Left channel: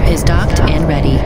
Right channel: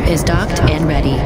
program is docked and ready.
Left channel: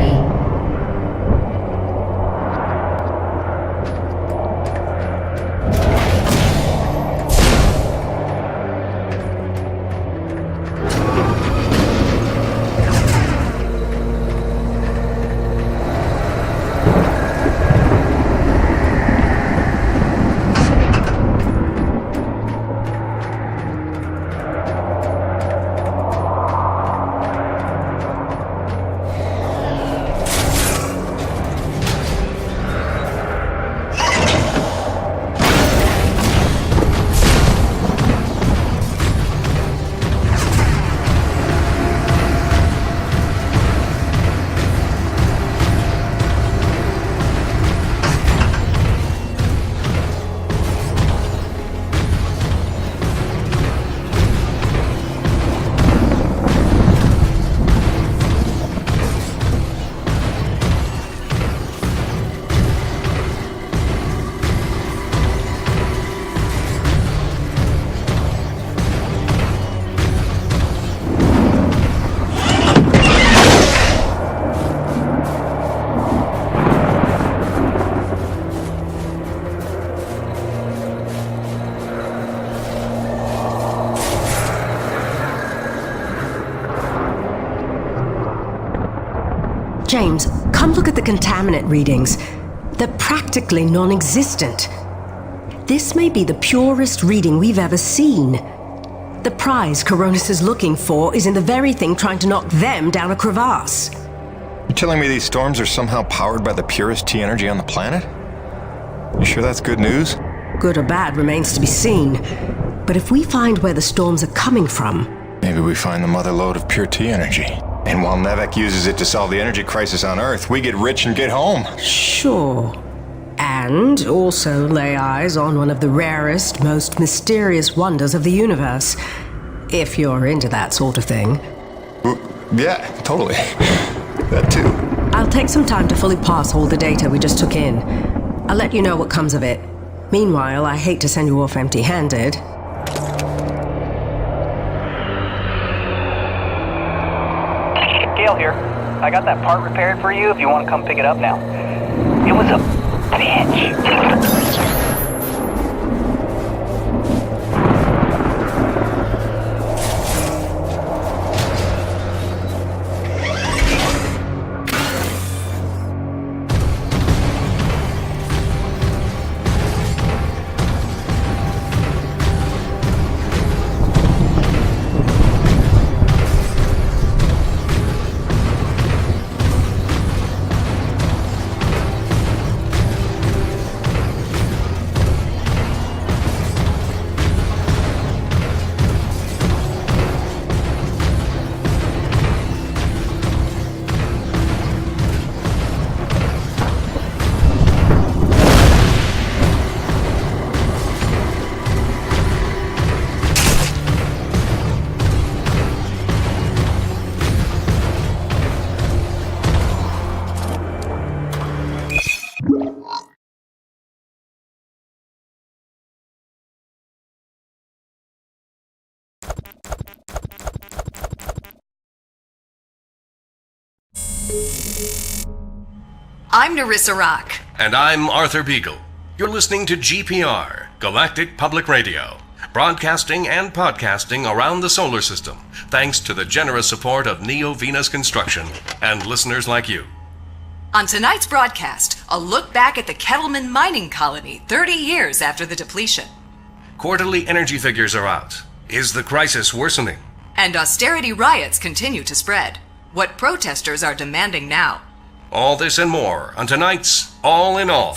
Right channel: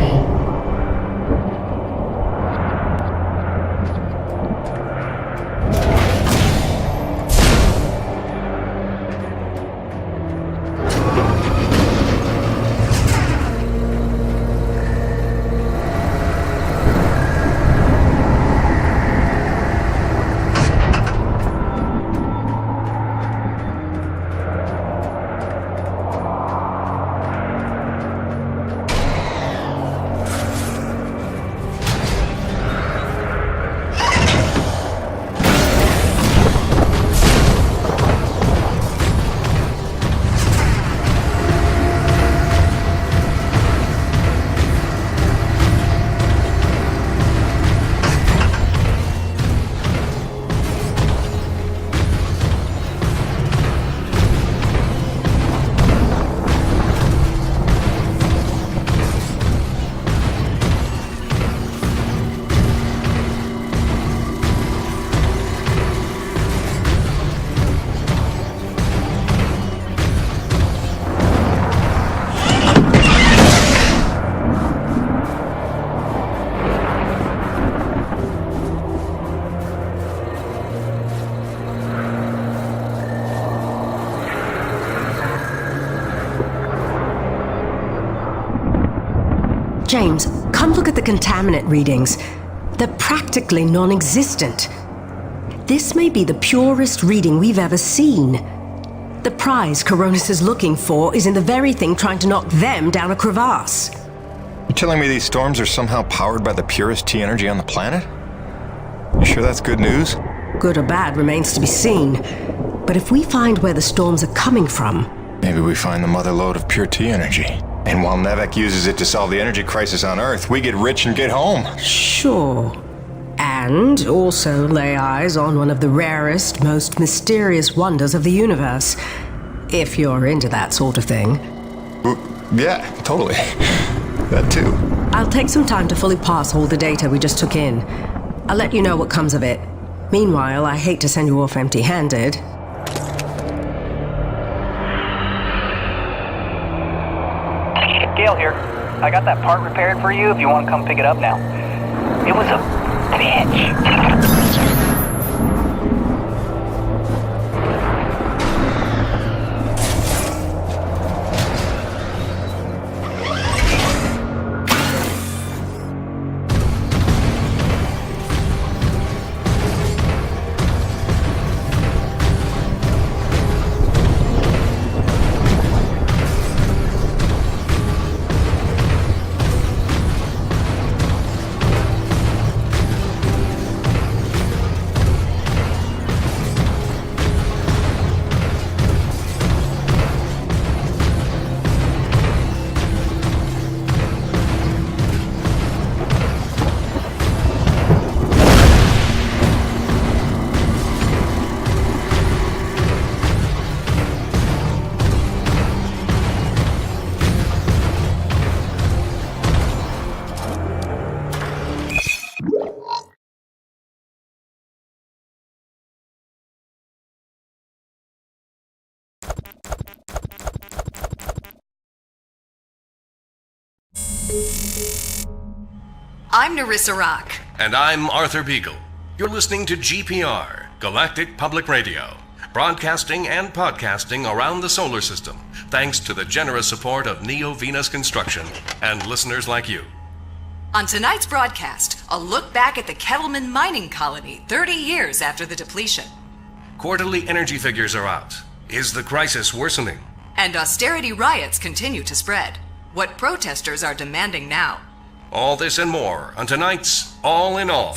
James, come look at the contaminant readings. They're practically non-existent. This may be the purest reading we've ever seen. The prize Coronis is looking for is in the very thing trying to knock them down a crevasse. You're telling me these storms are somehow powered by the purest T energy on the planet? You sure that's good news? Good or bad remains to be seen. But if we find where the storms are coming from... Maybe we find the mother lode of pure T energy. And while Nevek uses it to solve the energy crisis on Earth, we get rich and get home. Sure. And also lay eyes on one of the rarest, most mysterious wonders of the universe. If you're into that sort of thing. Yeah, totally. That too. I'll take some time to fully parse all the data we just took in. I'll let you know what comes of it. Meanwhile, I hate to send you off empty-handed. Gale here. I got that part repaired for you if you want to come pick it up now. It was a bitch. I'm Narissa Rock. And I'm Arthur Beagle. You're listening to GPR, Galactic Public Radio, broadcasting and podcasting around the solar system, thanks to the generous support of Neo Venus Construction and listeners like you. On tonight's broadcast, a look back at the Kettleman mining colony 30 years after the depletion. Quarterly energy figures are out. Is the crisis worsening? And austerity riots continue to spread. What protesters are demanding now. All this and more on tonight's All in All.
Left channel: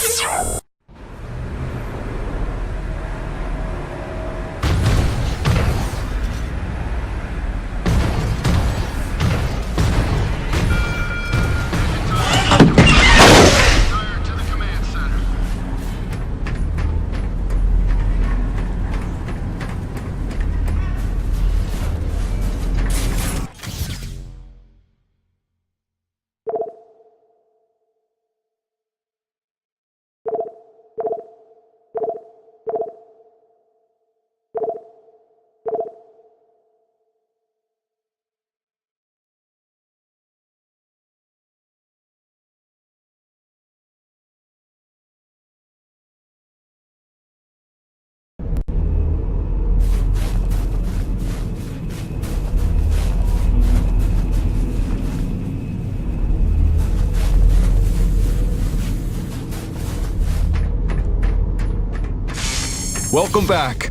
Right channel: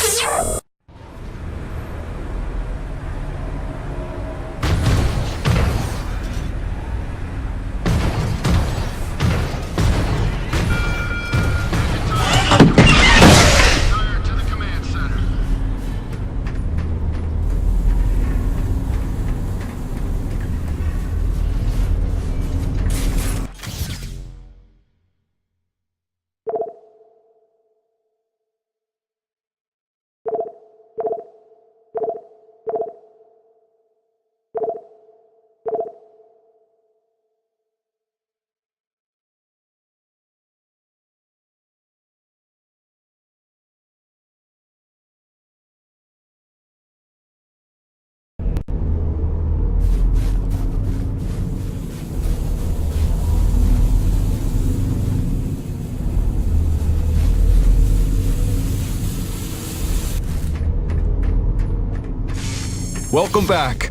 Welcome back.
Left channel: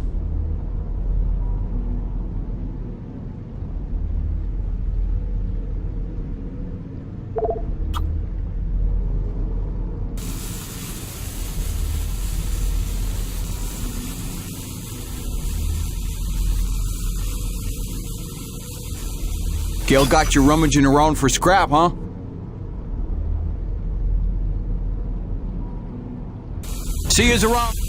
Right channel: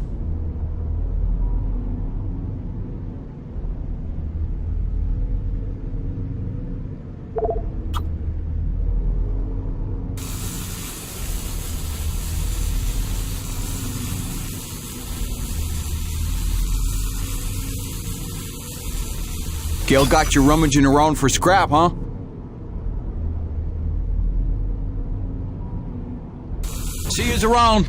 Gale got you rummaging around for scrap, huh? See yous around.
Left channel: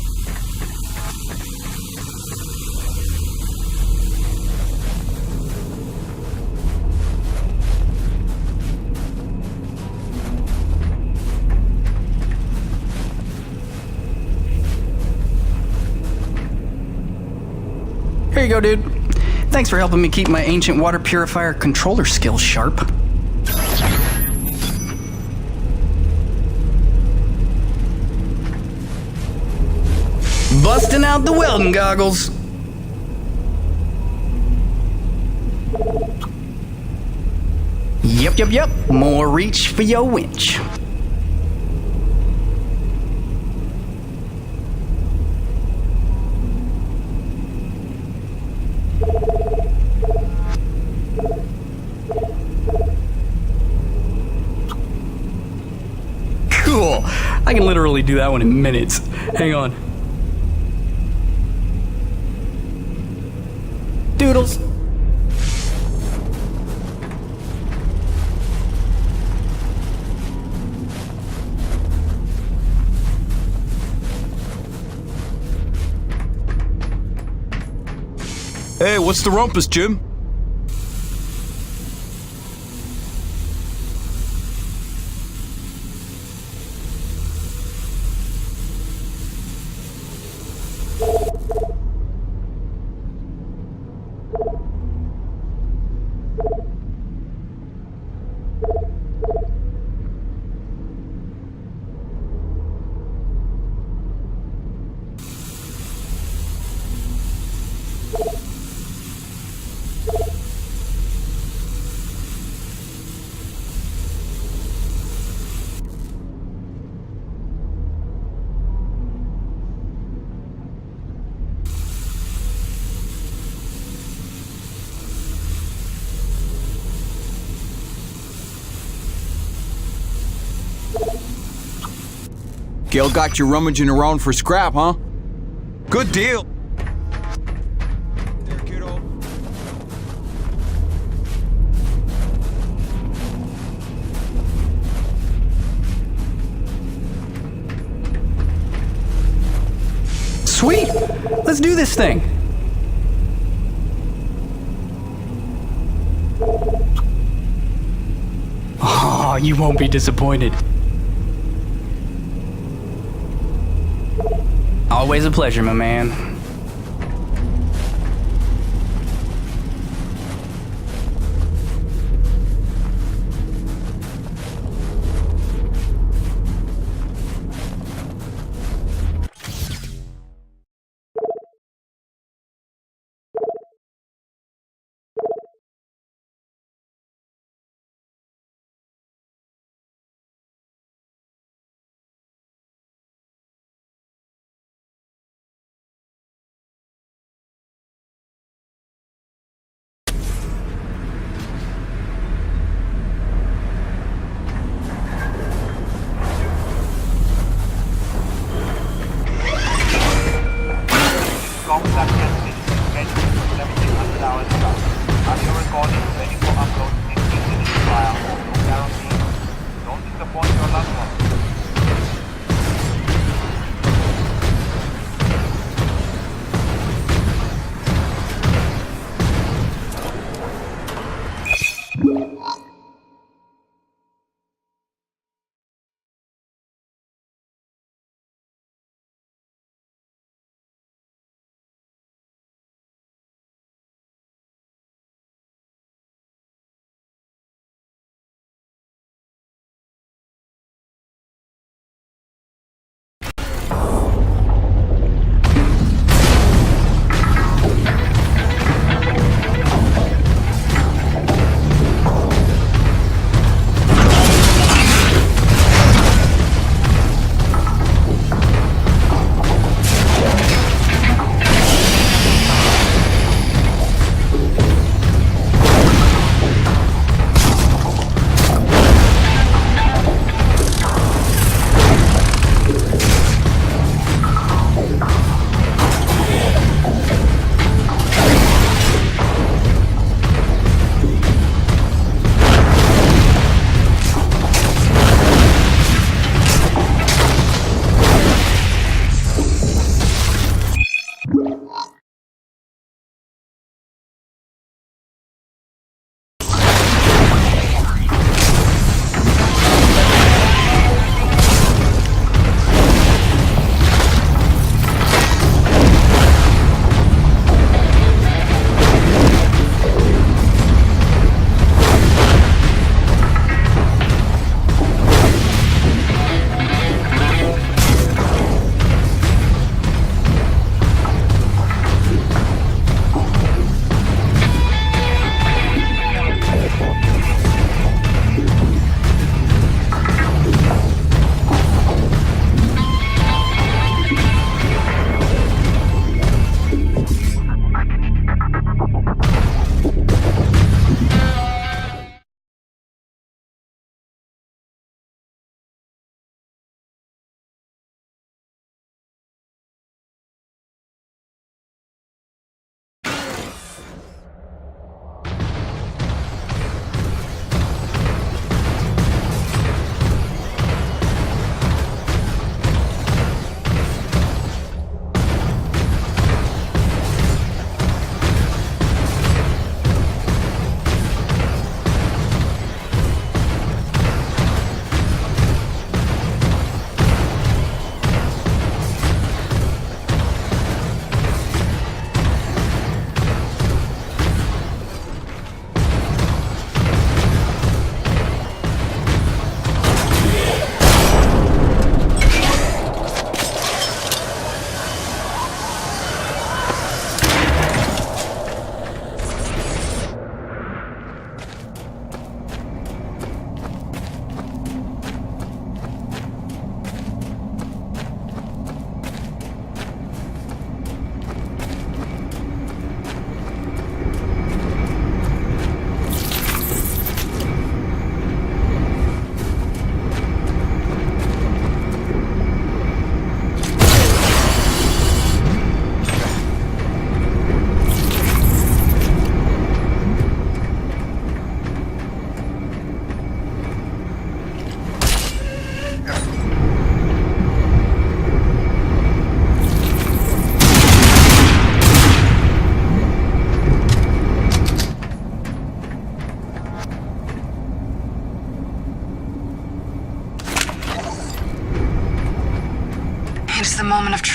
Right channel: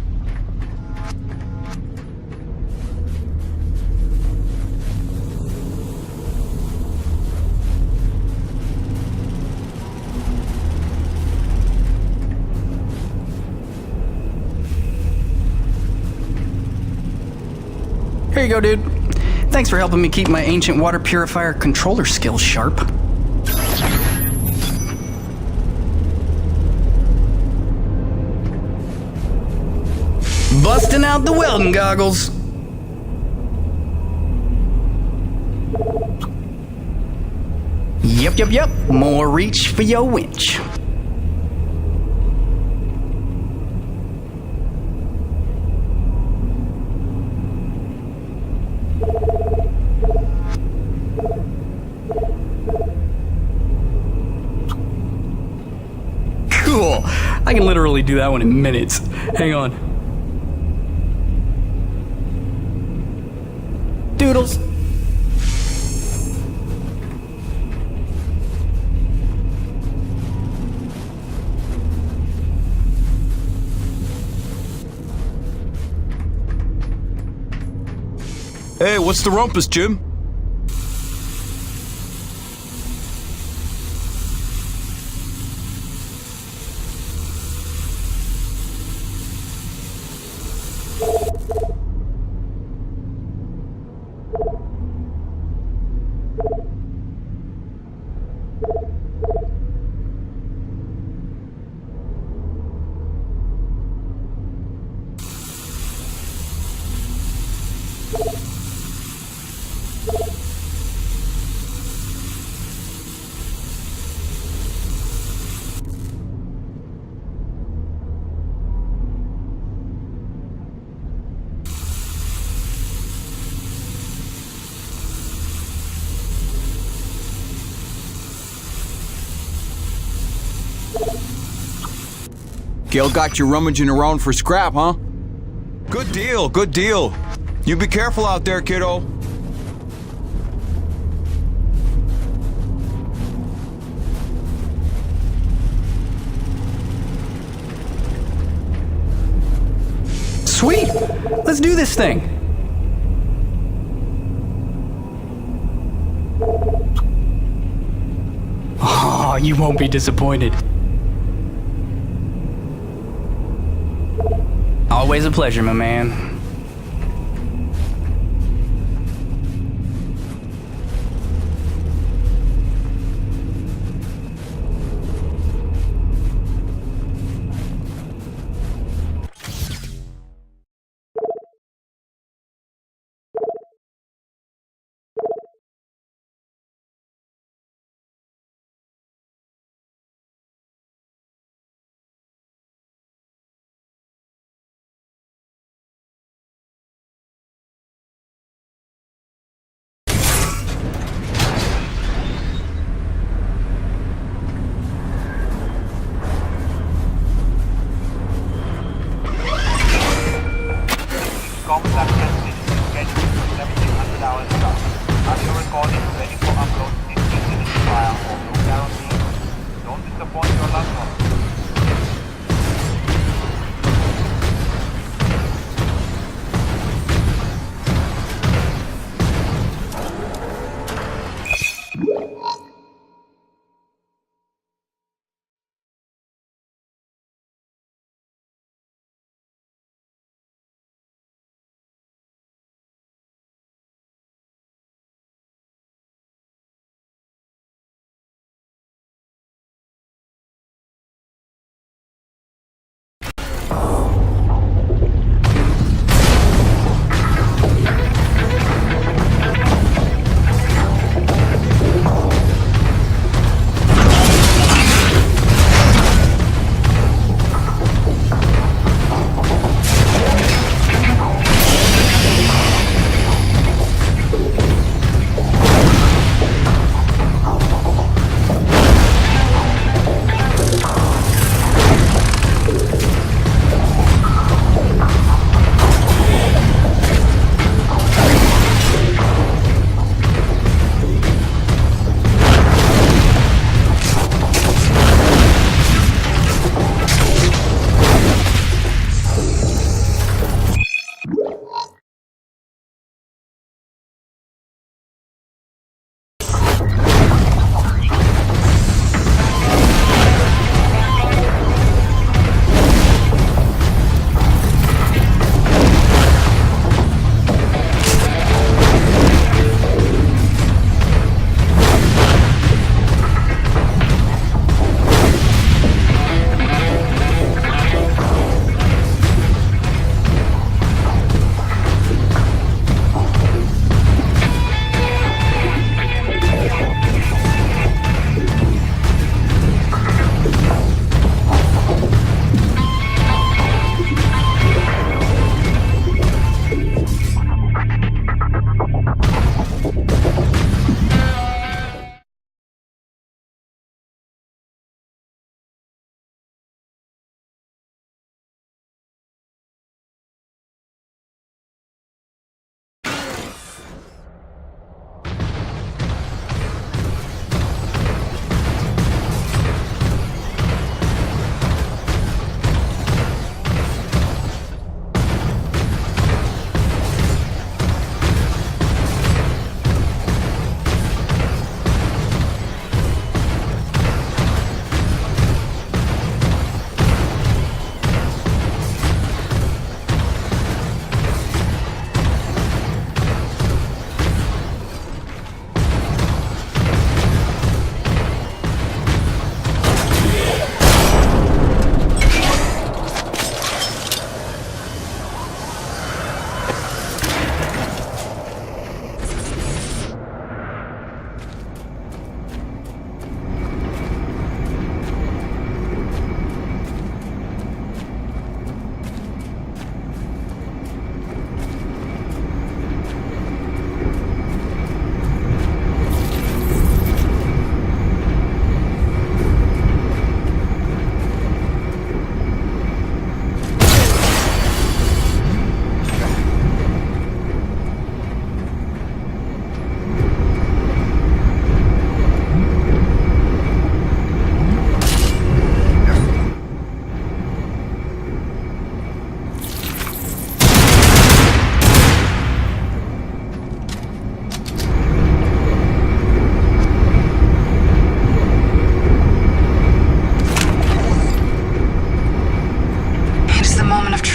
Here you go, dude. Thanks for helping me keep my ancient water purifier controller skills sharp. Busting out the welding goggles. Yep. More reach for your winch. Cool. I can literally do that one in minutes. Hang on. Doodles. Hey, what's the rumpus, Jim? Gale got you rummaging around for scrap, huh? Good deal, good deal. You be careful out there, kiddo. Sweet! Let's do this thing! Oh, you won't be disappointed. Always a pleasure, my man.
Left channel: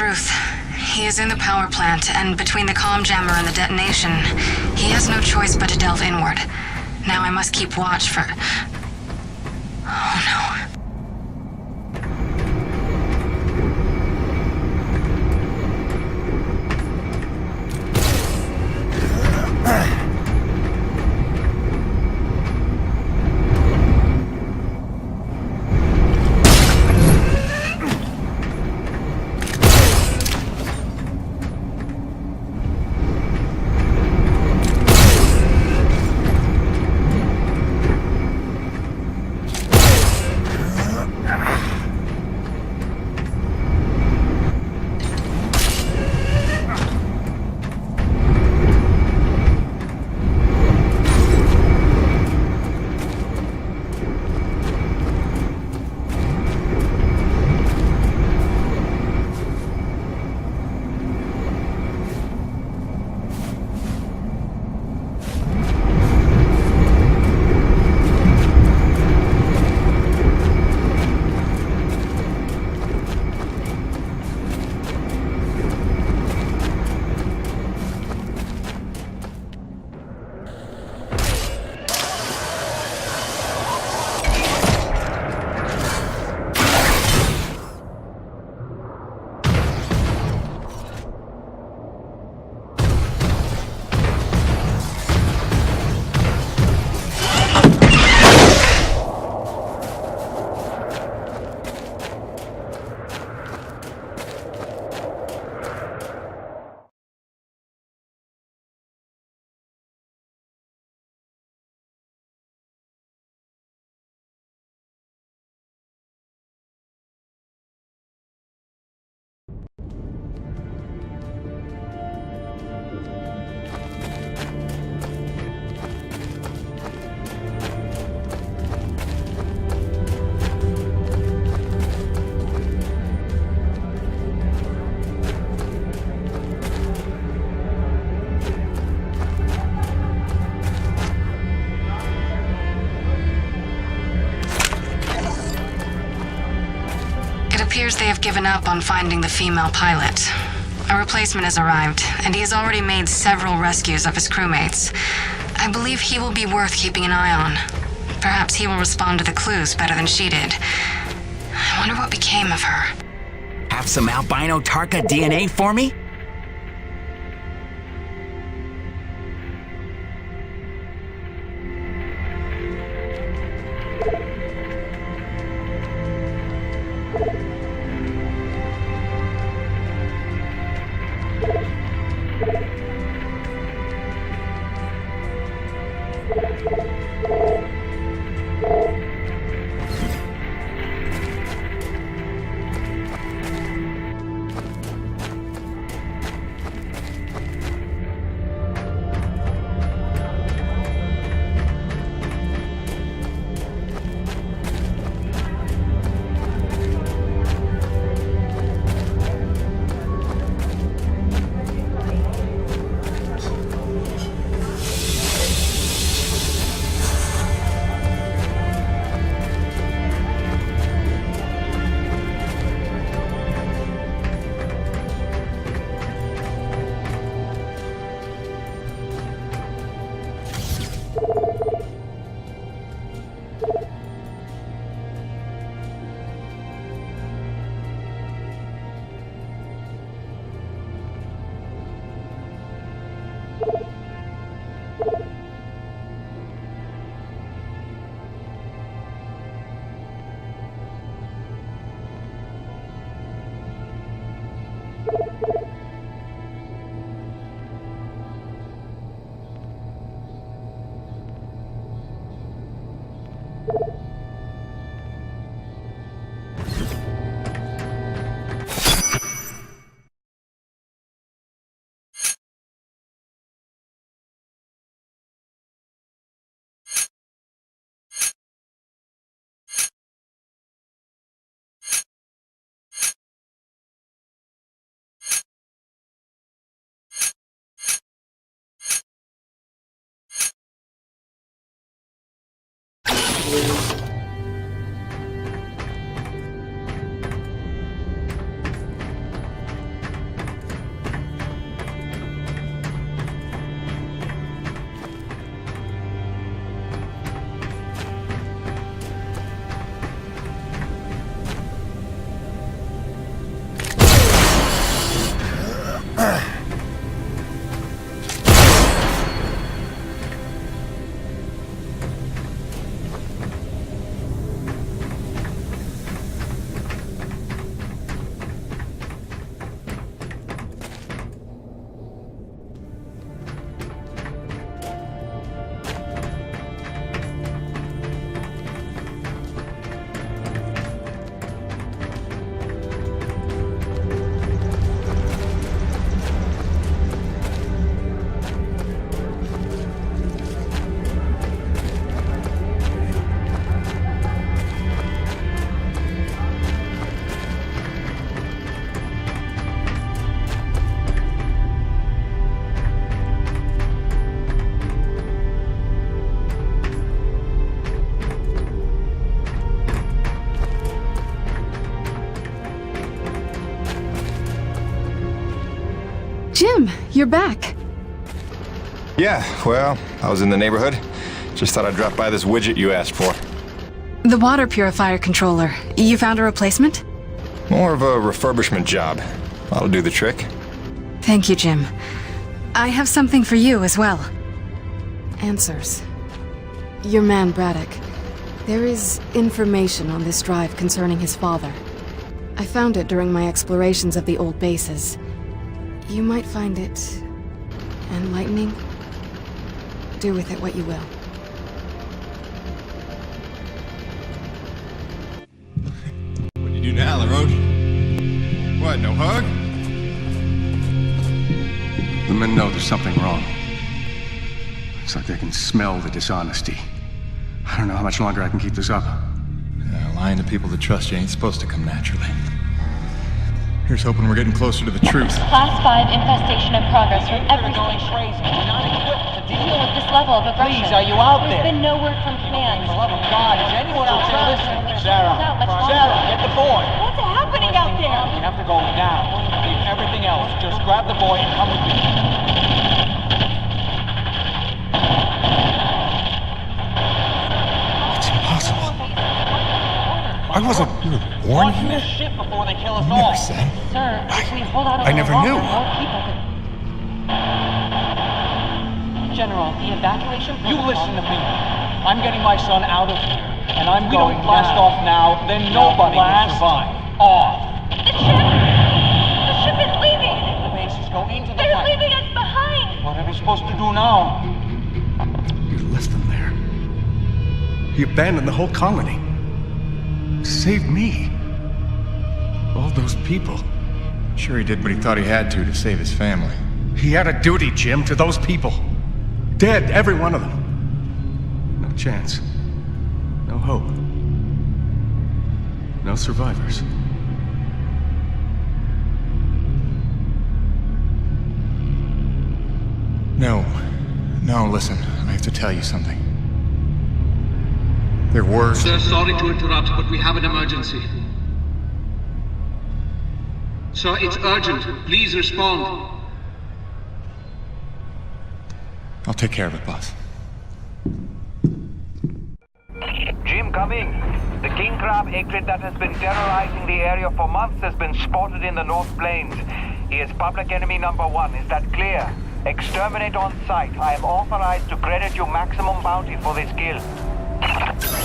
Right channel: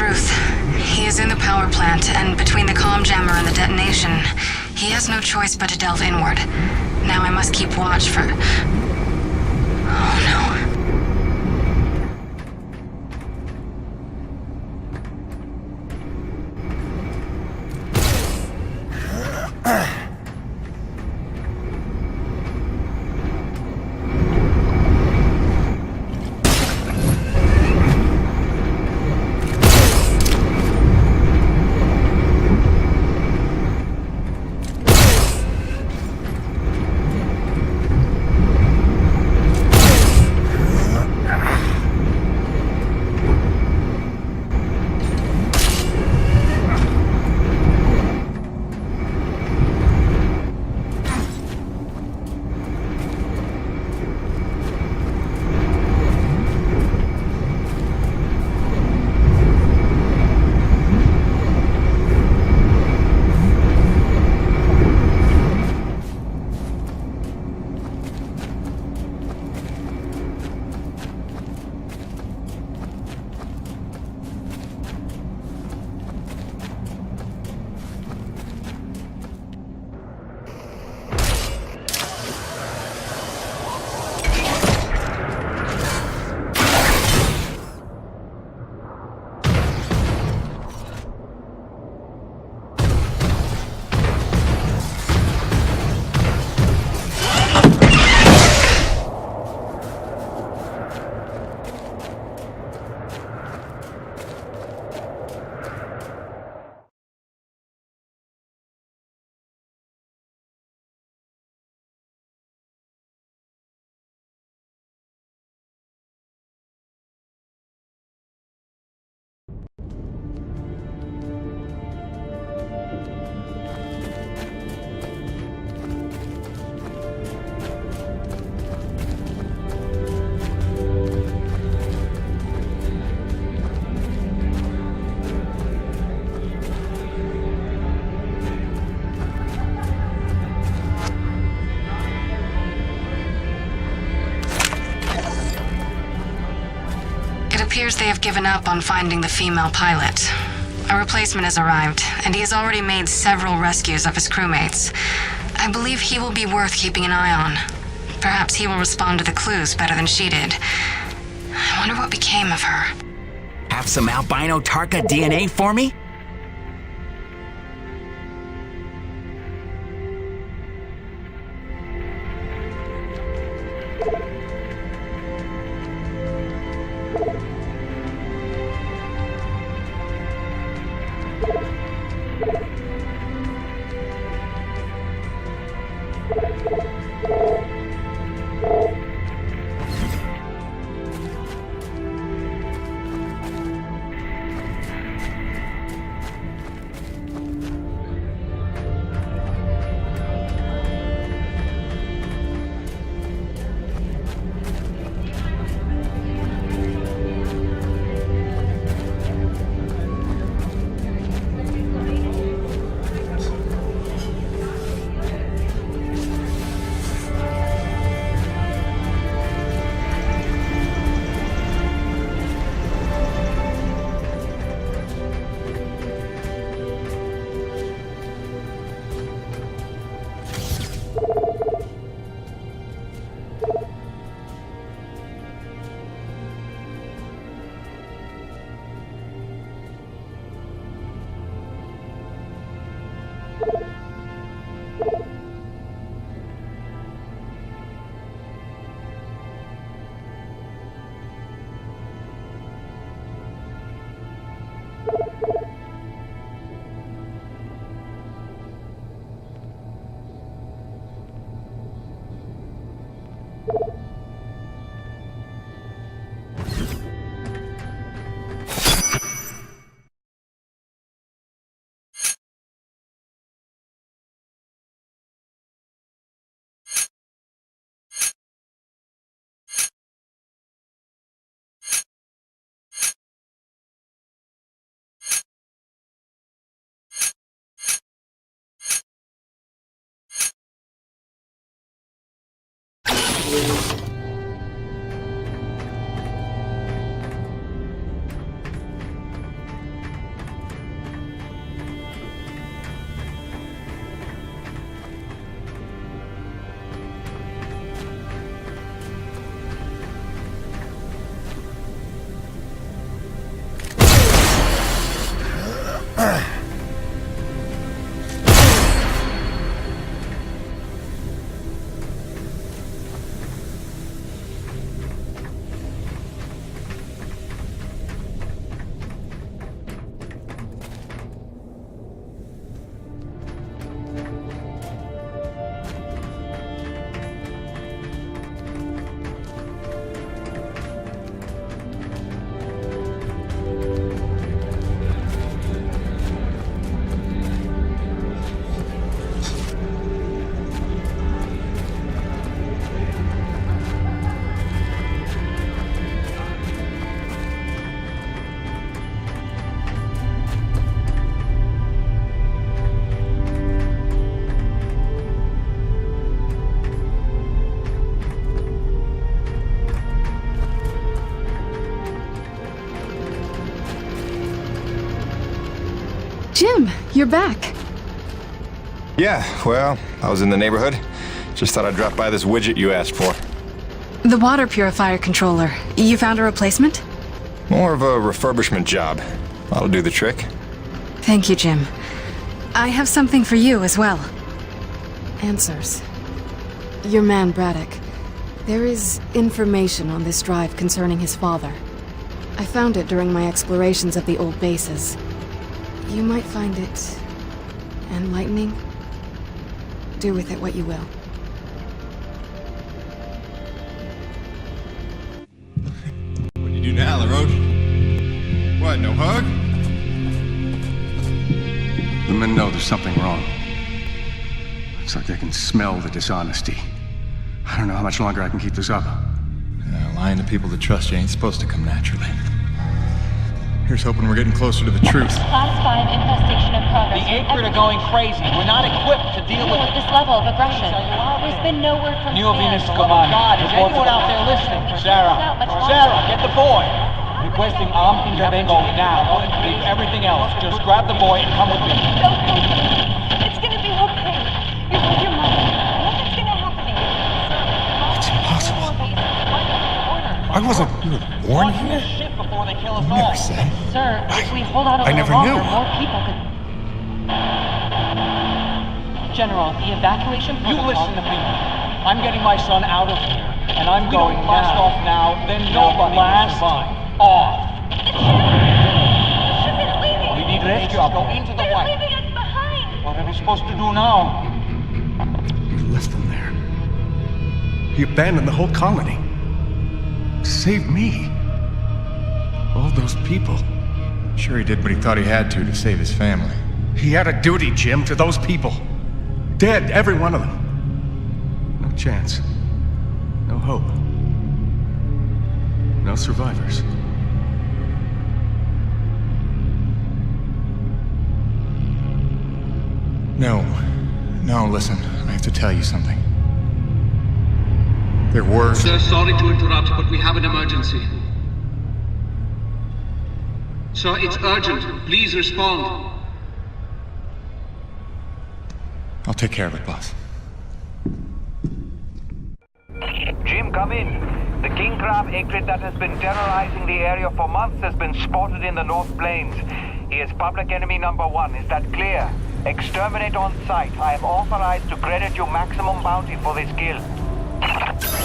truth. He is in the power plant, and between the comm jammer and the detonation, he has no choice but to delve inward. Now I must keep watch for... Oh no. It appears they have given up on finding the female pilot. A replacement has arrived, and he has already made several rescues of his crewmates. I believe he will be worth keeping an eye on. Perhaps he will respond to the clues better than she did. I wonder what became of her. Have some albino Tarka DNA for me? You're back. Yeah, well, I was in the neighborhood. Just thought I'd drop by this widget you asked for. The water purifier controller. You found a replacement? More of a refurbishment job. That'll do the trick. Thank you, Jim. I have something for you as well. Answers. Your man, Braddock. There is information on this drive concerning his father. I found it during my explorations of the old bases. You might find it enlightening. Do with it what you will. What do you do now, LaRoche? What, no hug? The men know there's something wrong. It's like they can smell the dishonesty. I don't know how much longer I can keep this up. Lying to people that trust you ain't supposed to come naturally. Here's hoping we're getting closer to the truth. Class 5 infestation in progress. The Acrid are going crazy. We're not equipped to deal with this level of aggression. Please, are you out There's there? been no word from Command. For the love of God, is anyone out there listening? Sarah, get the boy. What's happening out there? You have to go now. Leave everything else. Just grab the boy and come with me. It's gonna be okay. It's impossible. I wasn't born here. Shit before they kill us You all. never said. Sir, if we hold out a I little never longer, knew. more people could... General, the evacuation You protocol... listen to me. I'm getting my son out of here, and I'm going don't blast now. off now, then nobody will survive. Off. The ship is leaving! Go into the They're light. leaving us behind! What are we supposed to do now? He left them there. He abandoned the whole colony. Saved me. All those people. Sure he did what he thought he had to save his family. He had a duty, Jim, to those people. Dead, every one of them. No chance. No hope. No survivors. No, listen. I have to tell you something. There were... Sir, sorry to interrupt, but we have an emergency. Sir, it's urgent. Please respond. I'll take care of it, boss. Jim, come in. The king crab acrid that has been terrorizing the area for months has been spotted in the North Plains. He is public enemy number 1. Is that clear? Exterminate on sight. I am authorized to credit you maximum bounty for this kill.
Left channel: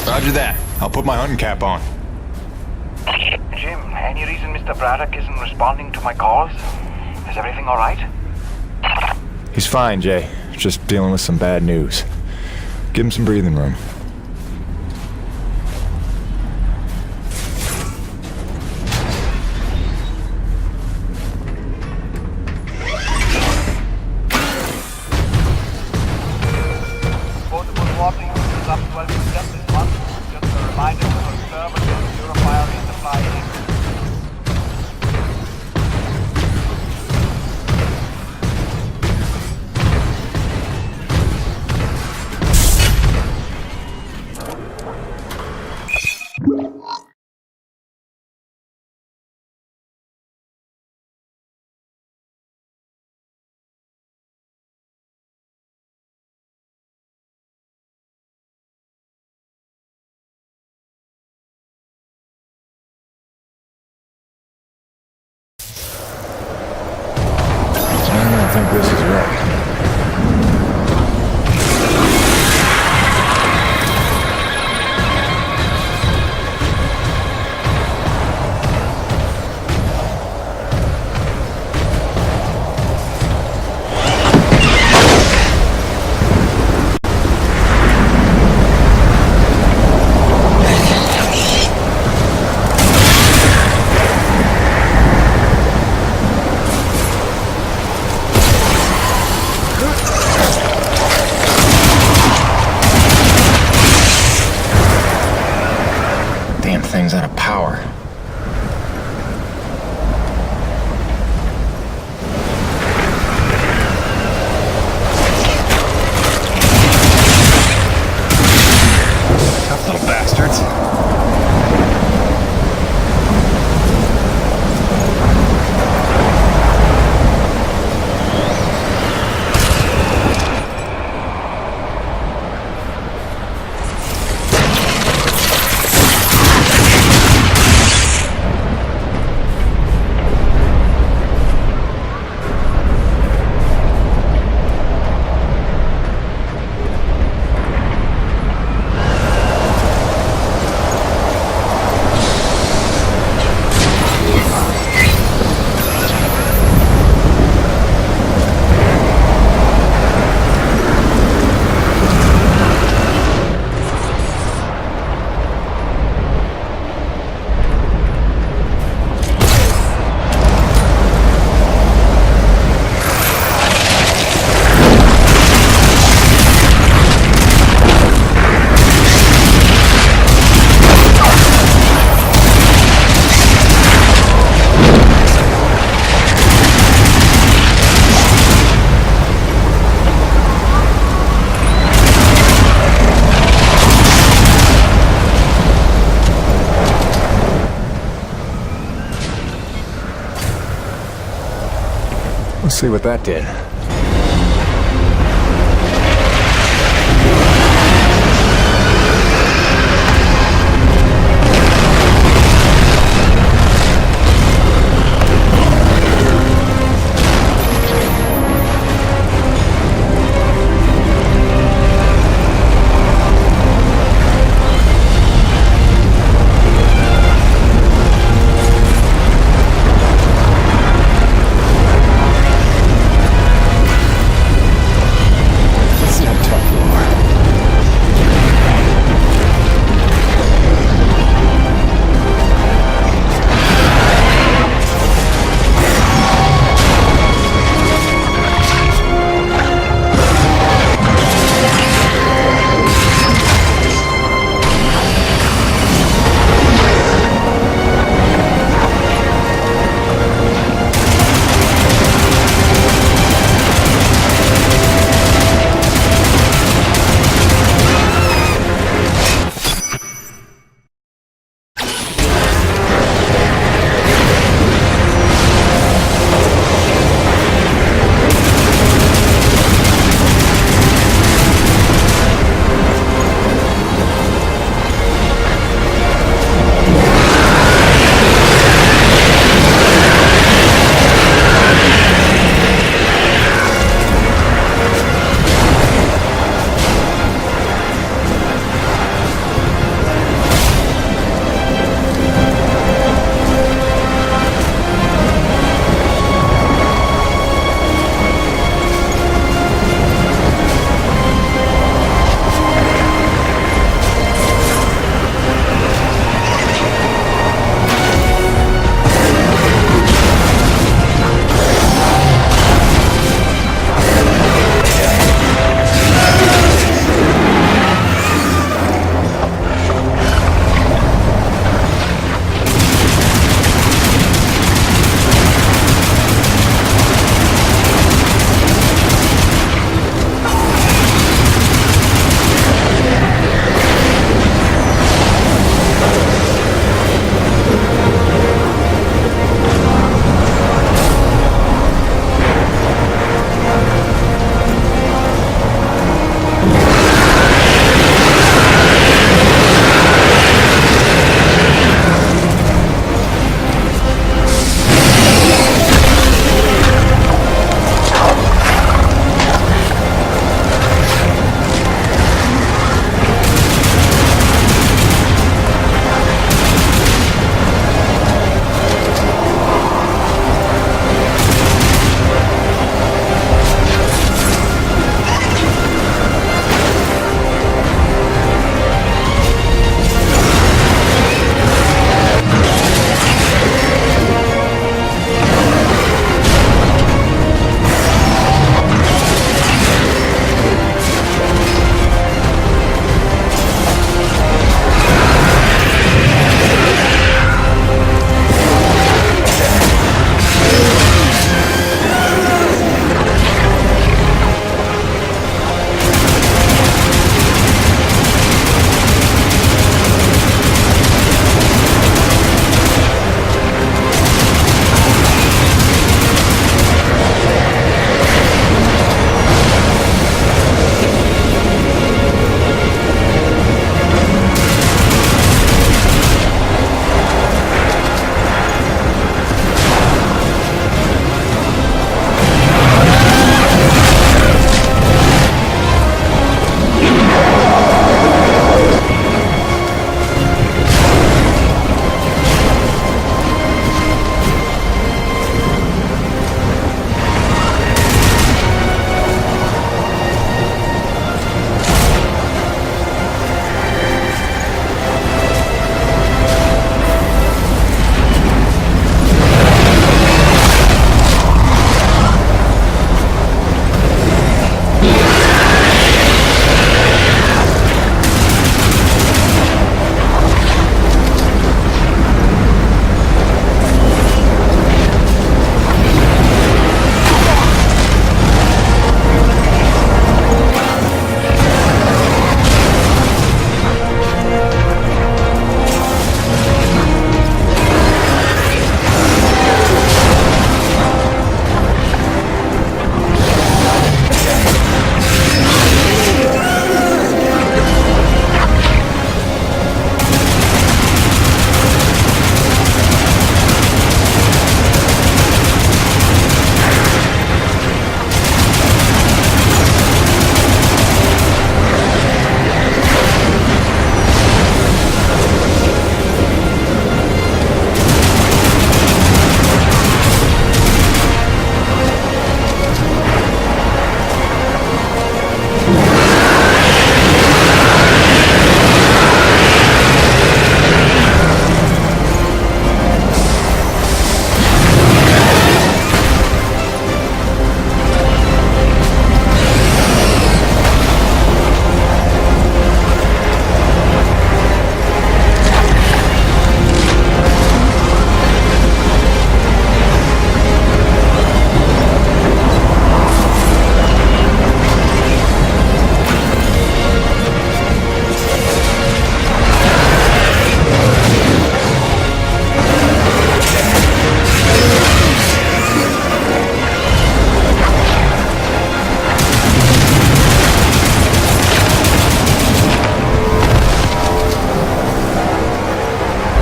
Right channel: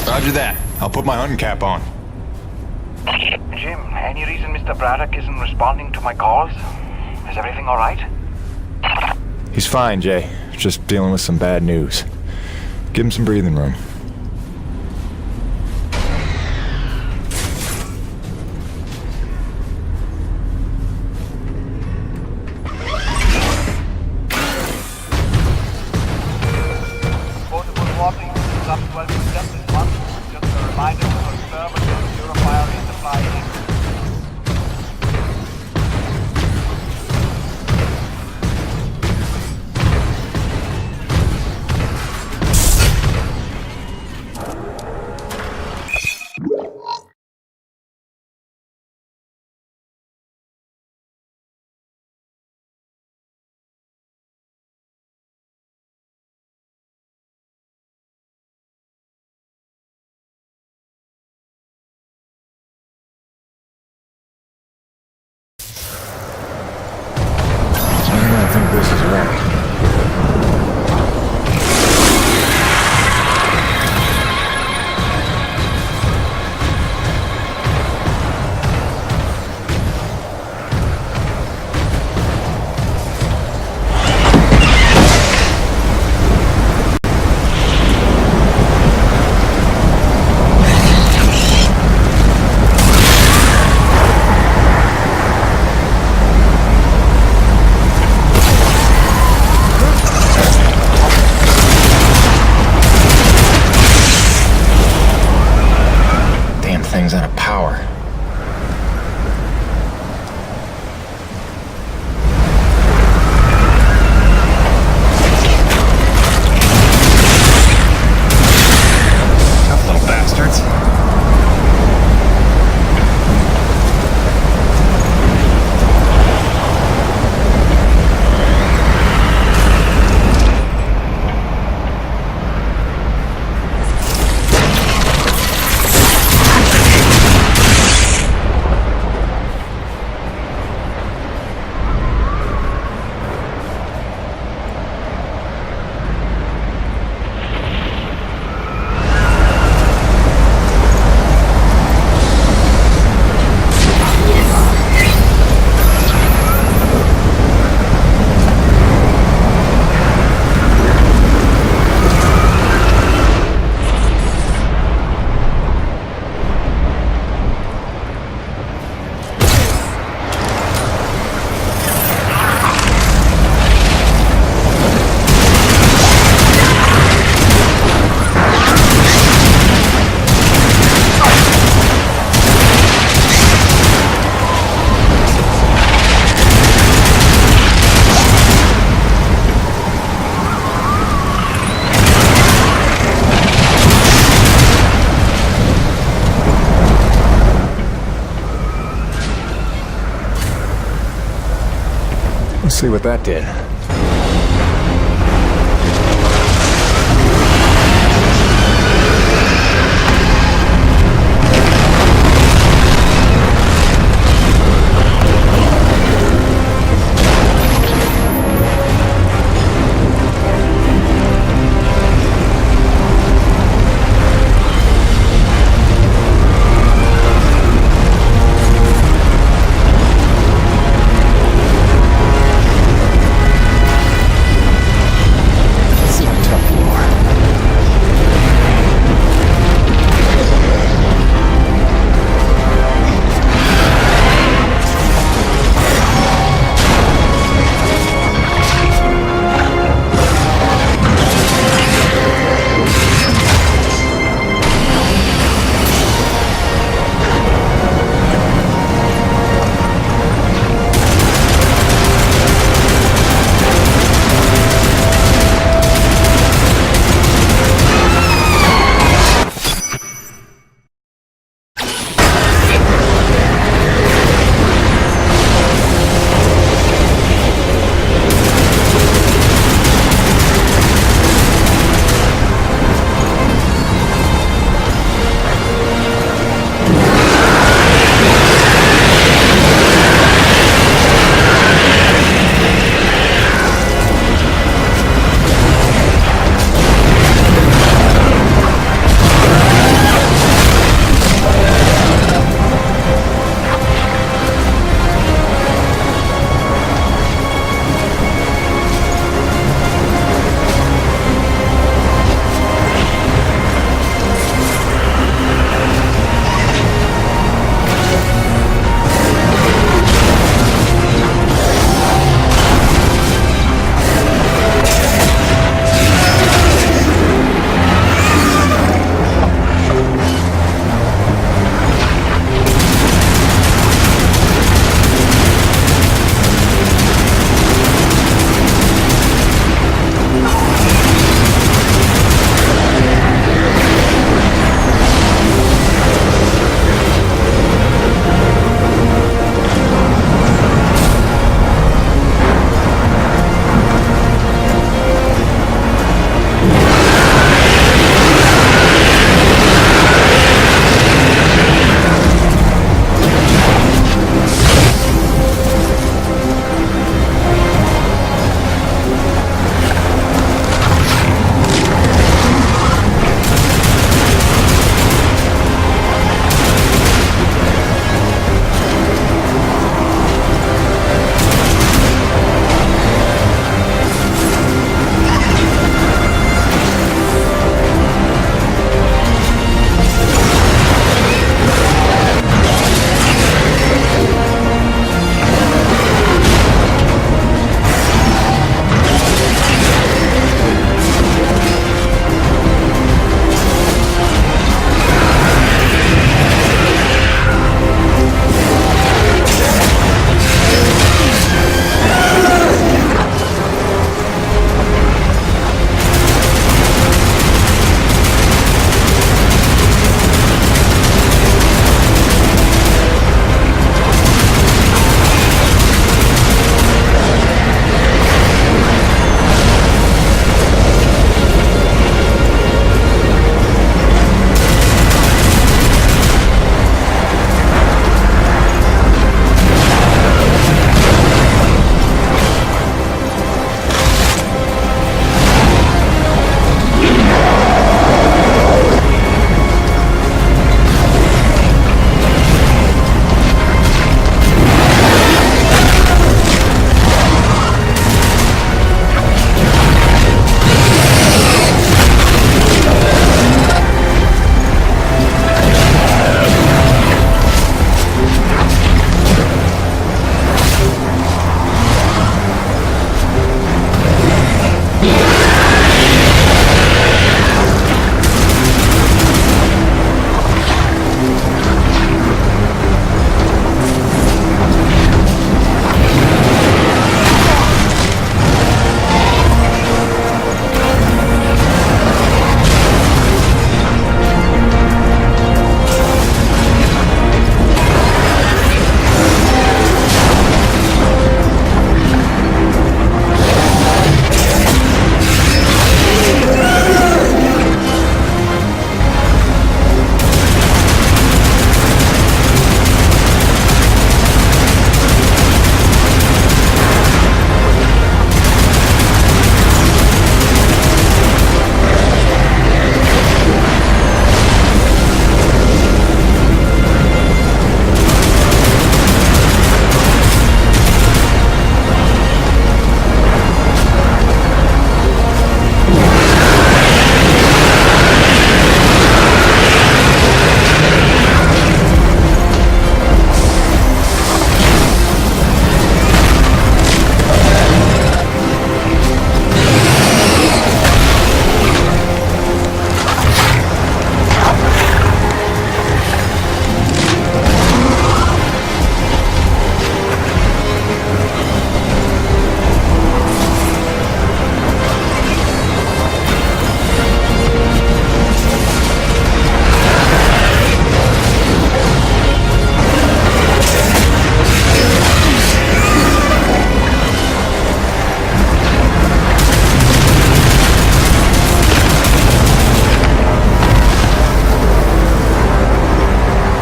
Roger that. I'll put my hunting cap on. Jim, any reason Mr. Braddock isn't responding to my calls? Is everything all right? He's fine, Jay. Just dealing with some bad news. Give him some breathing room. Potable water use is up 12% this month. Just a reminder to conserve and purifier resupply. I don't think this is right. Damn thing's out of power. Tough little bastards. Let's see what that did.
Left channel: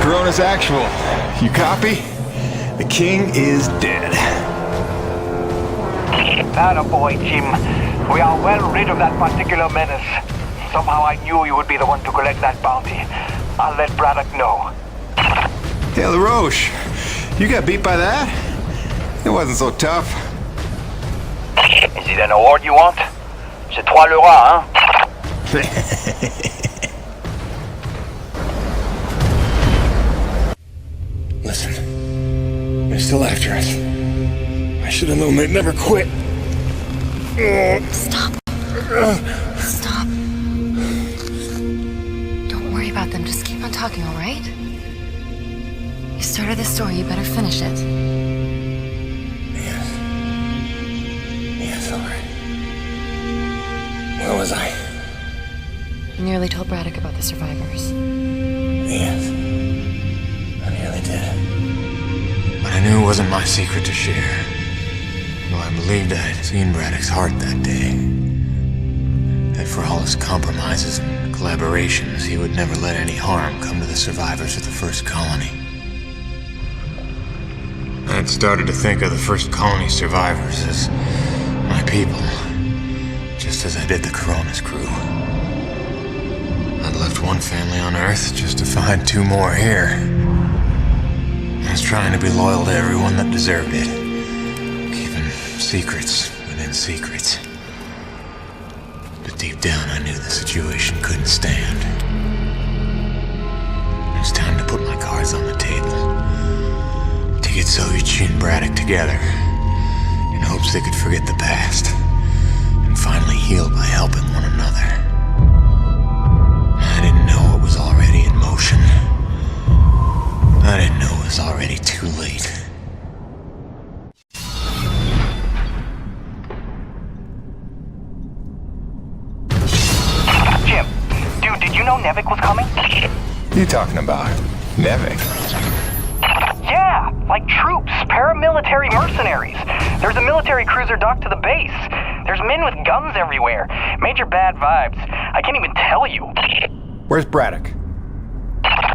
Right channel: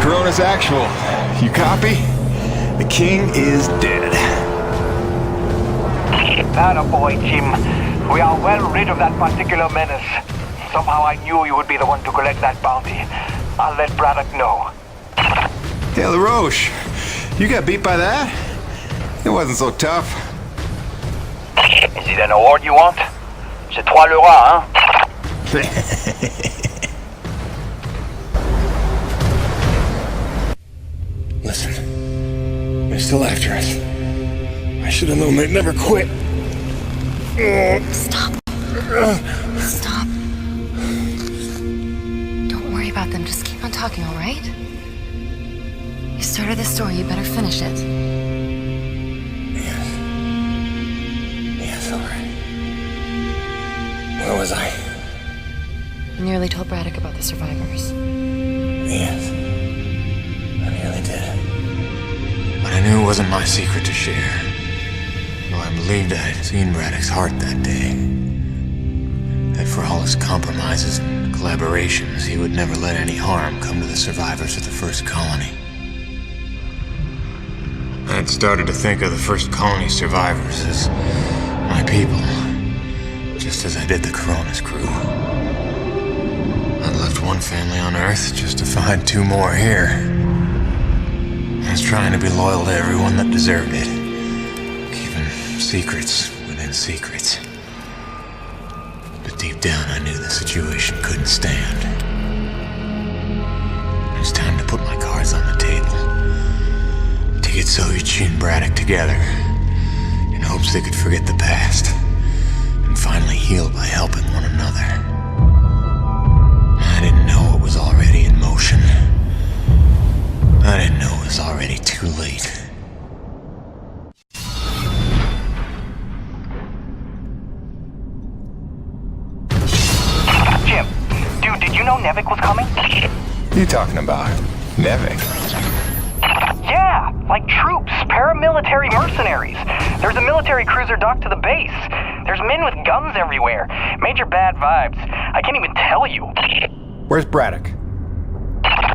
Corona's actual. You copy? The king is dead. Attaboy, Jim. We are well rid of that particular menace. Somehow I knew you would be the one to collect that bounty. I'll let Braddock know. Hey, LaRoche, you got beat by that? It wasn't so tough. Is it an award you want? C'est toi le roi, hein? Listen, they're still after us. I should have known they'd never quit. Stop. Stop. Don't worry about them. Just keep on talking, all right? You started this story. You better finish it. Yes, all right. Where was I? You nearly told Braddock about the survivors. Yes. I nearly did. But I knew it wasn't my secret to share. Though I believed I had seen Braddock's heart that day. That for all his compromises and collaborations, he would never let any harm come to the survivors of the first colony. I had started to think of the first colony survivors as my people, just as I did the Corona's crew. I'd left one family on Earth just to find two more here. I was trying to be loyal to everyone that deserved it, keeping secrets within secrets. But deep down I knew the situation couldn't stand. It was time to put my cards on the table. To get Soichi and Braddock together, in hopes they could forget the past, and finally heal by helping one another. I didn't know it was already in motion. I didn't know it was already too late. Jim, dude, did you know Nevik was coming? You talking about Nevik? Yeah, like troops, paramilitary mercenaries. There's a military cruiser docked to the base. There's men with guns everywhere. Major bad vibes. I can't even tell you. Where's Braddock?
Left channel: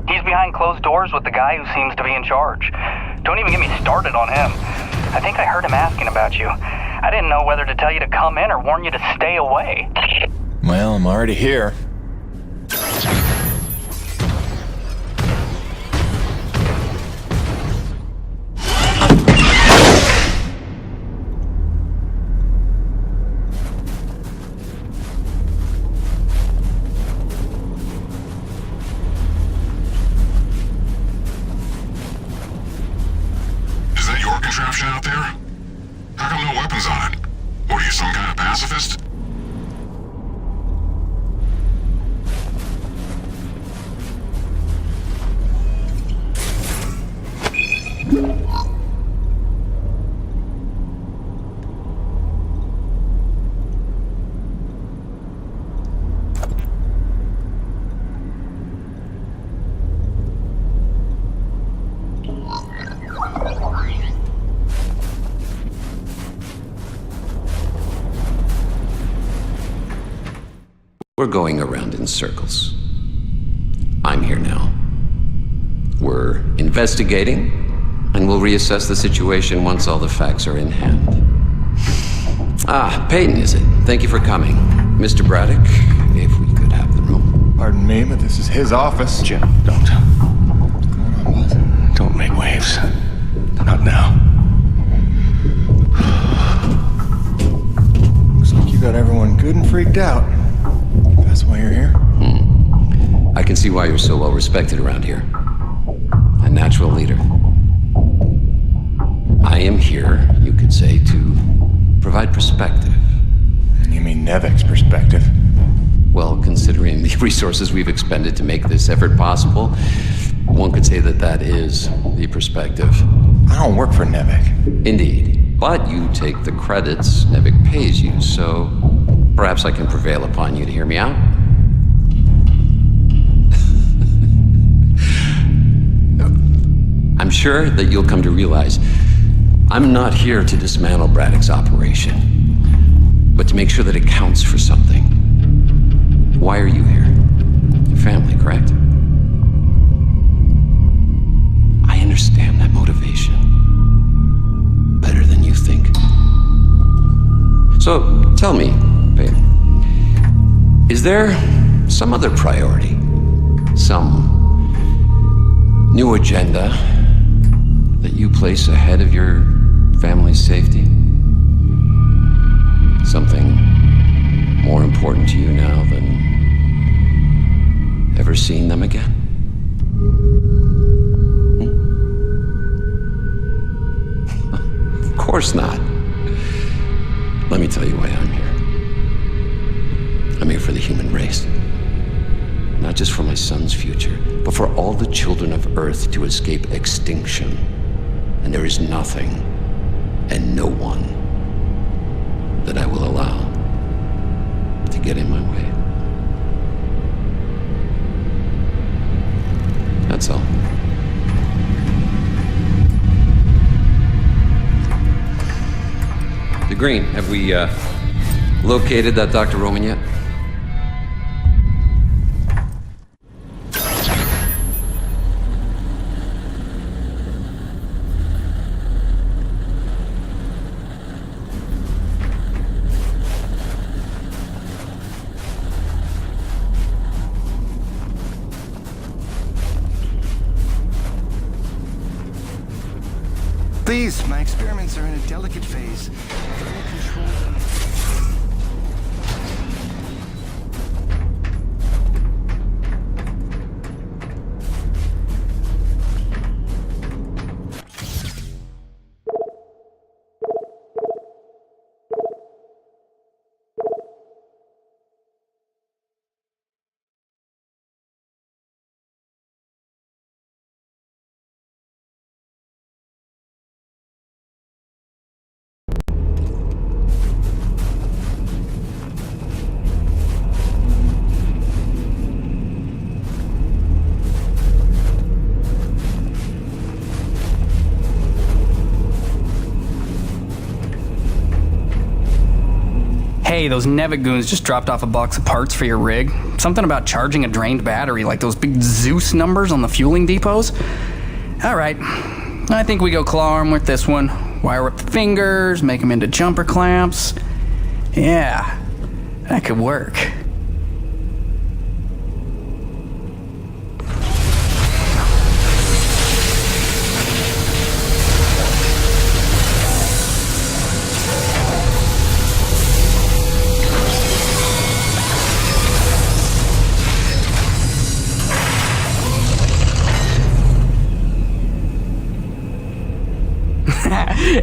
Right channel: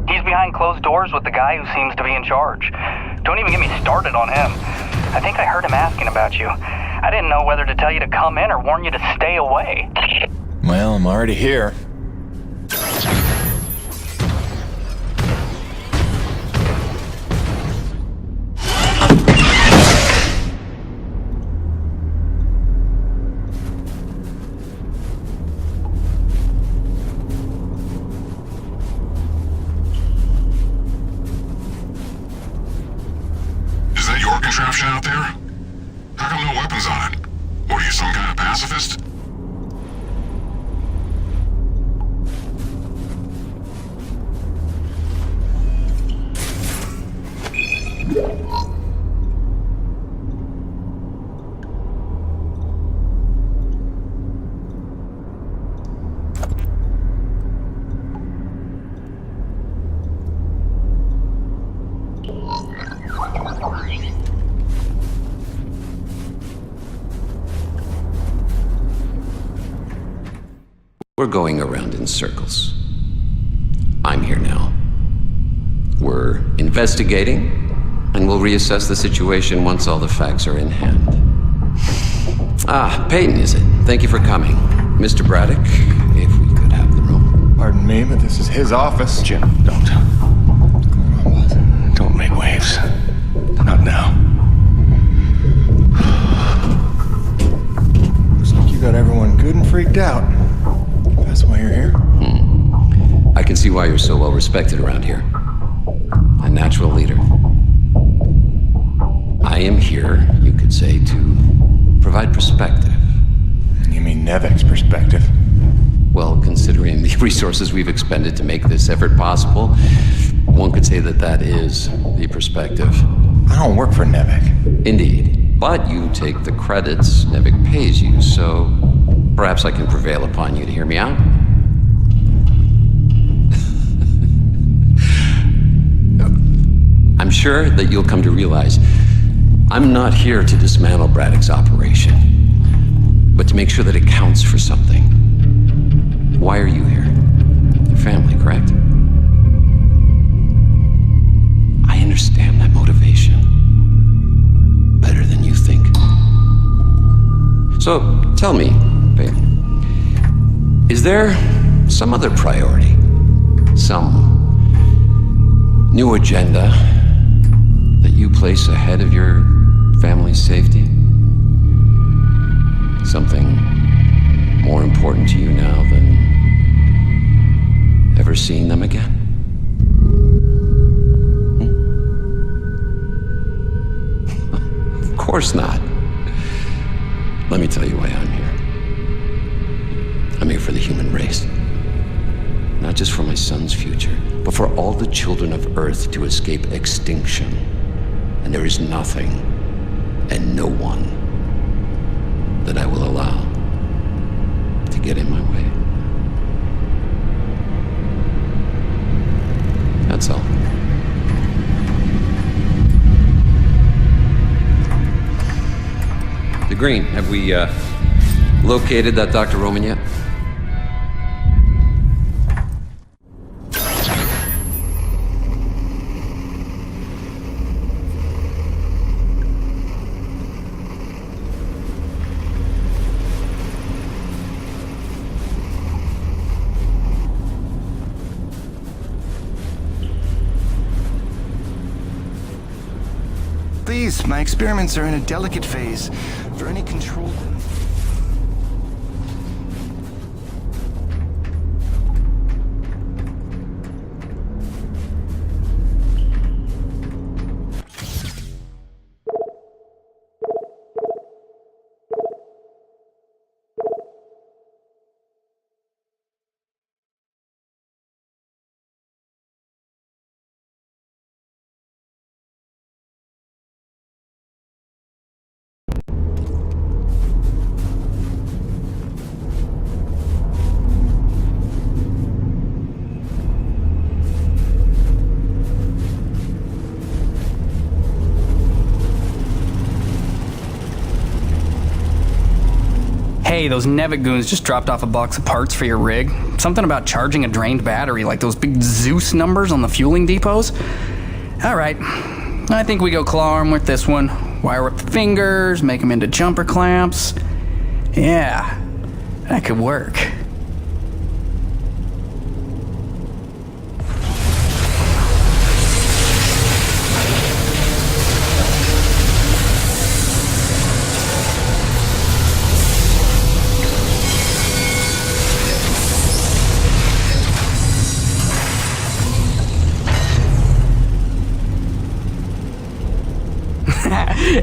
He's behind closed doors with the guy who seems to be in charge. Don't even get me started on him. I think I heard him asking about you. I didn't know whether to tell you to come in or warn you to stay away. Well, I'm already here. Is that your contraption out there? How come no weapons on it? What are you, some kind of pacifist? We're going around in circles. I'm here now. We're investigating, and we'll reassess the situation once all the facts are in hand. Ah, Peyton, is it? Thank you for coming. Mr. Braddock, if we could have the room. Pardon me, but this is his office. Jim, don't. What's going on, boss? Don't make waves. Not now. Looks like you got everyone good and freaked out. That's why you're here? I can see why you're so well respected around here. A natural leader. I am here, you could say, to provide perspective. You mean Nevik's perspective? Well, considering the resources we've expended to make this effort possible, one could say that that is the perspective. I don't work for Nevik. Indeed. But you take the credits Nevik pays you, so perhaps I can prevail upon you to hear me out. I'm sure that you'll come to realize I'm not here to dismantle Braddock's operation, but to make sure that it counts for something. Why are you here? Your family, correct? understand that motivation better than you think. So, tell me, babe, is there some other priority? Some new agenda that you place ahead of your family's safety? Something more important to you now than ever seeing them again? Of course not. Let me tell you why I'm here. I'm here for the human race. Not just for my son's future, but for all the children of Earth to escape extinction. And there is nothing and no one that I will allow to get in my way. That's all. The Green, have we located that Dr. Roman yet? Please, my experiments are in a delicate phase. For any control... Hey, those Nevigoons just dropped off a box of parts for your rig. Something about charging a drained battery, like those big Zeus numbers on the fueling depots. Alright, I think we go claw arm with this one. Wire up the fingers, make them into jumper clamps. Yeah, that could work.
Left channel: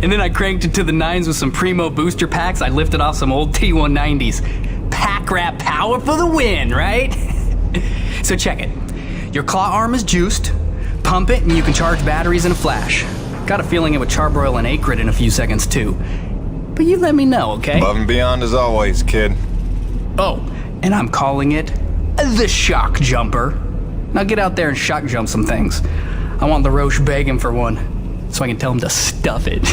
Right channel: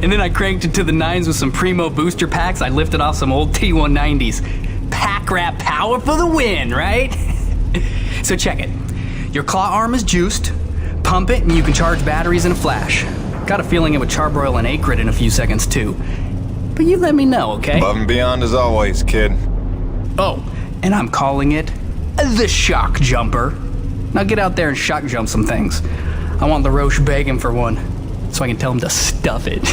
And then I cranked it to the nines with some primo booster packs. I lifted off some old T190s. Pack rat power for the win, right? So check it. Your claw arm is juiced. Pump it and you can charge batteries in a flash. Got a feeling it would charbroil an acrid in a few seconds too. But you let me know, okay? Above and beyond as always, kid. Oh, and I'm calling it the shock jumper. Now get out there and shock jump some things. I want the Roche begging for one, so I can tell him to stuff it.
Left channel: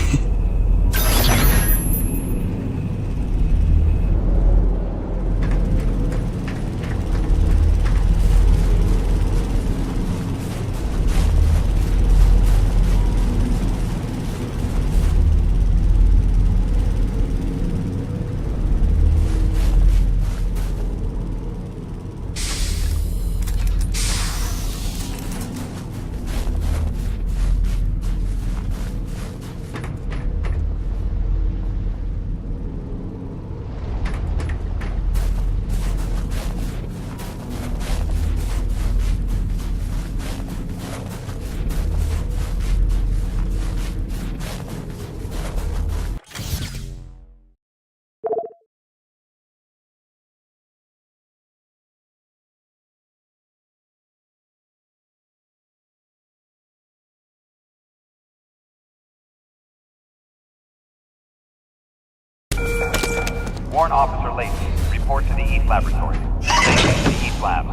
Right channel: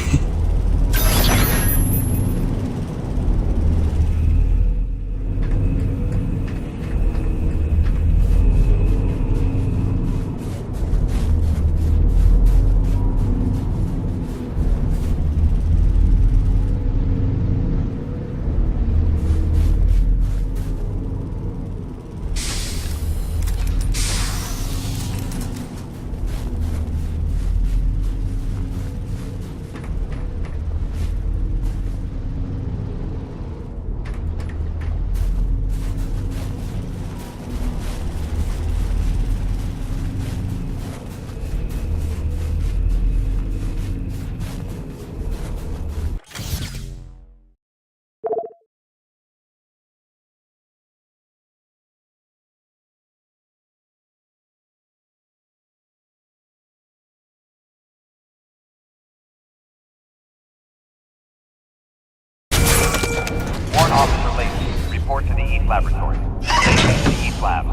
Warrant Officer Lacey, report to the East Laboratory. Lacey to the East Lab.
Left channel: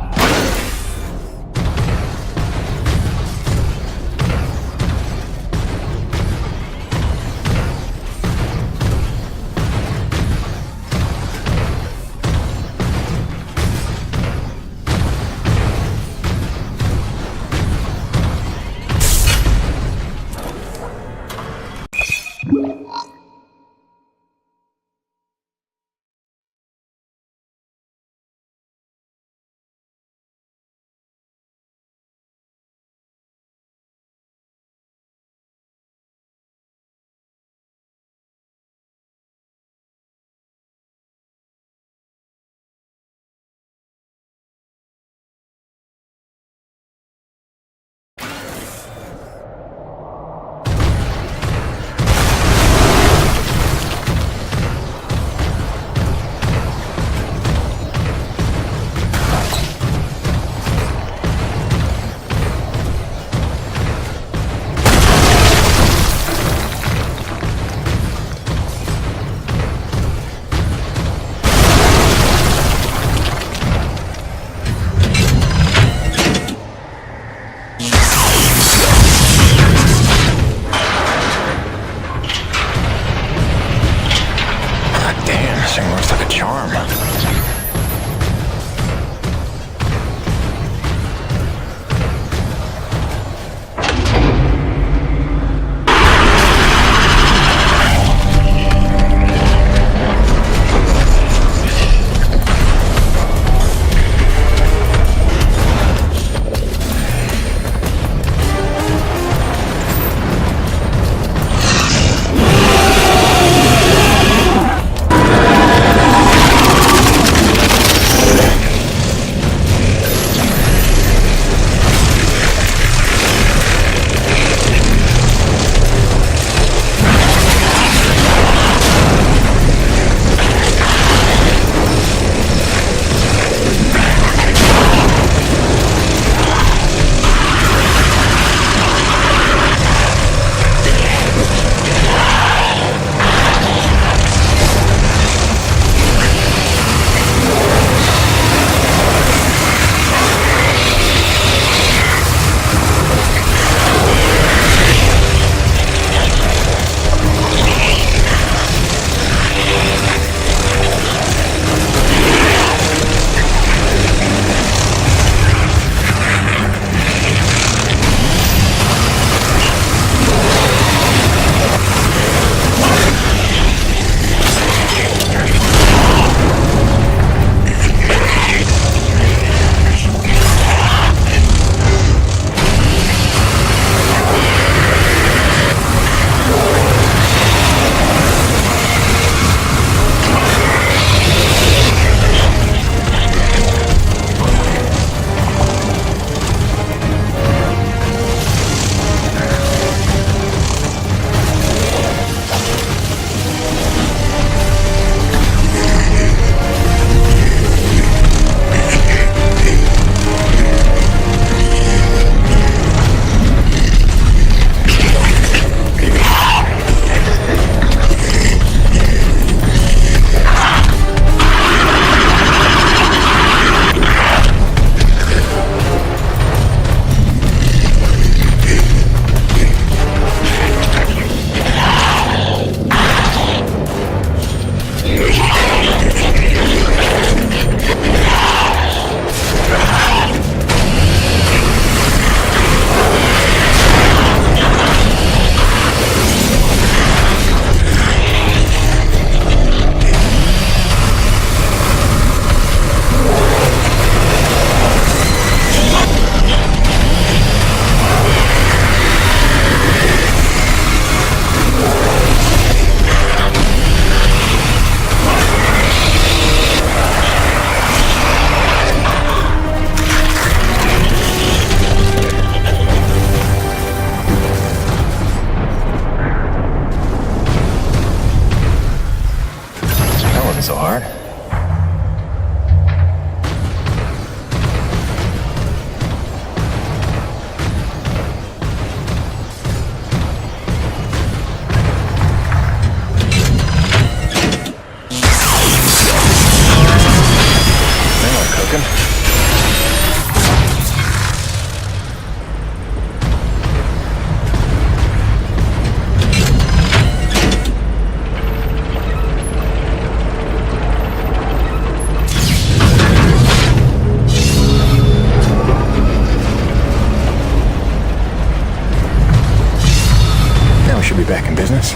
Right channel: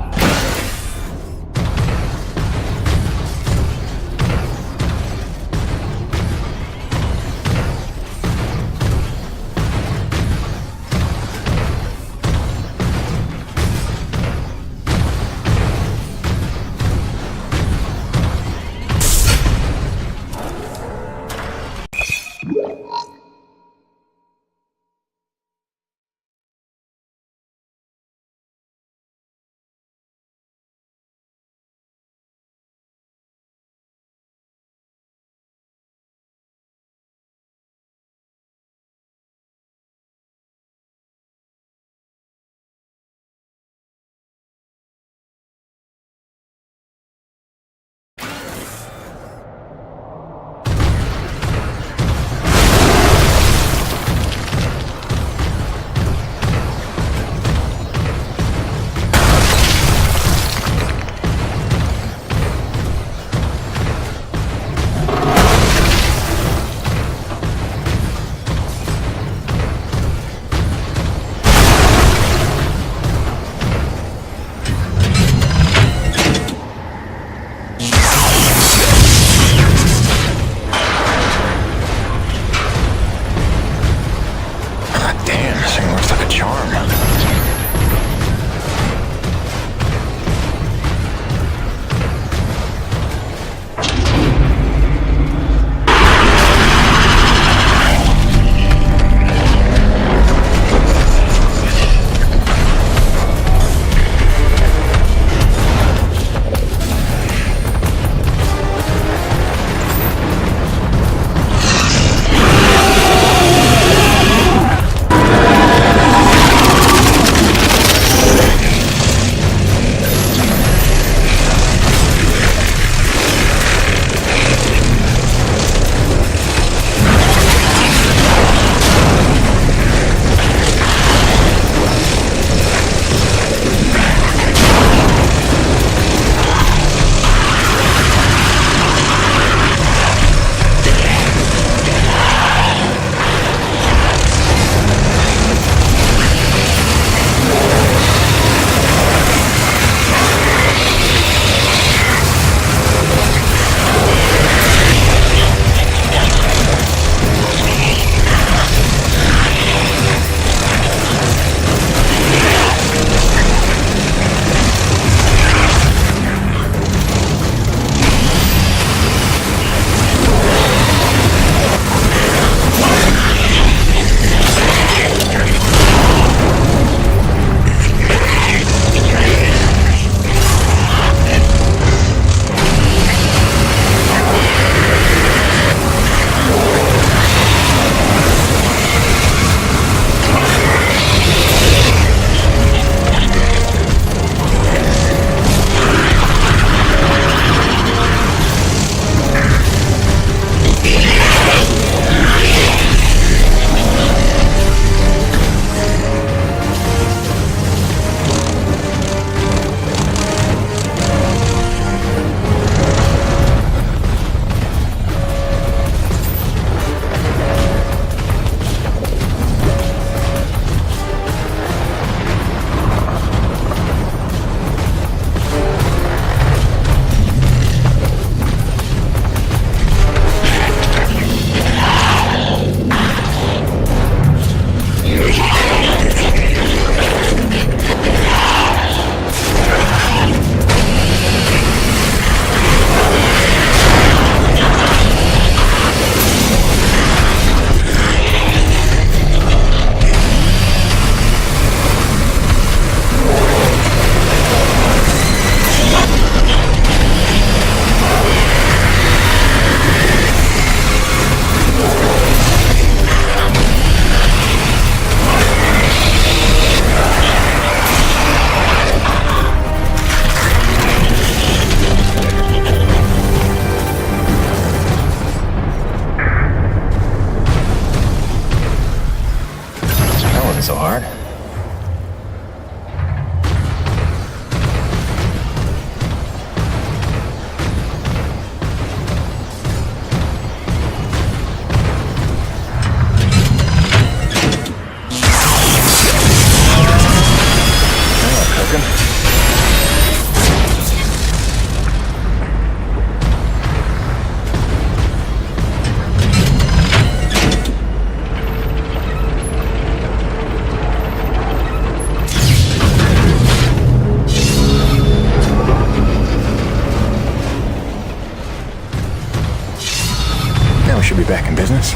we should be back in business.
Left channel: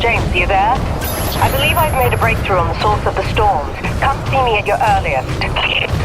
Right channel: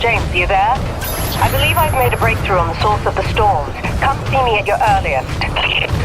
James, are you there? I believe I've made a breakthrough on the source of the storms. Come see me at your earliest.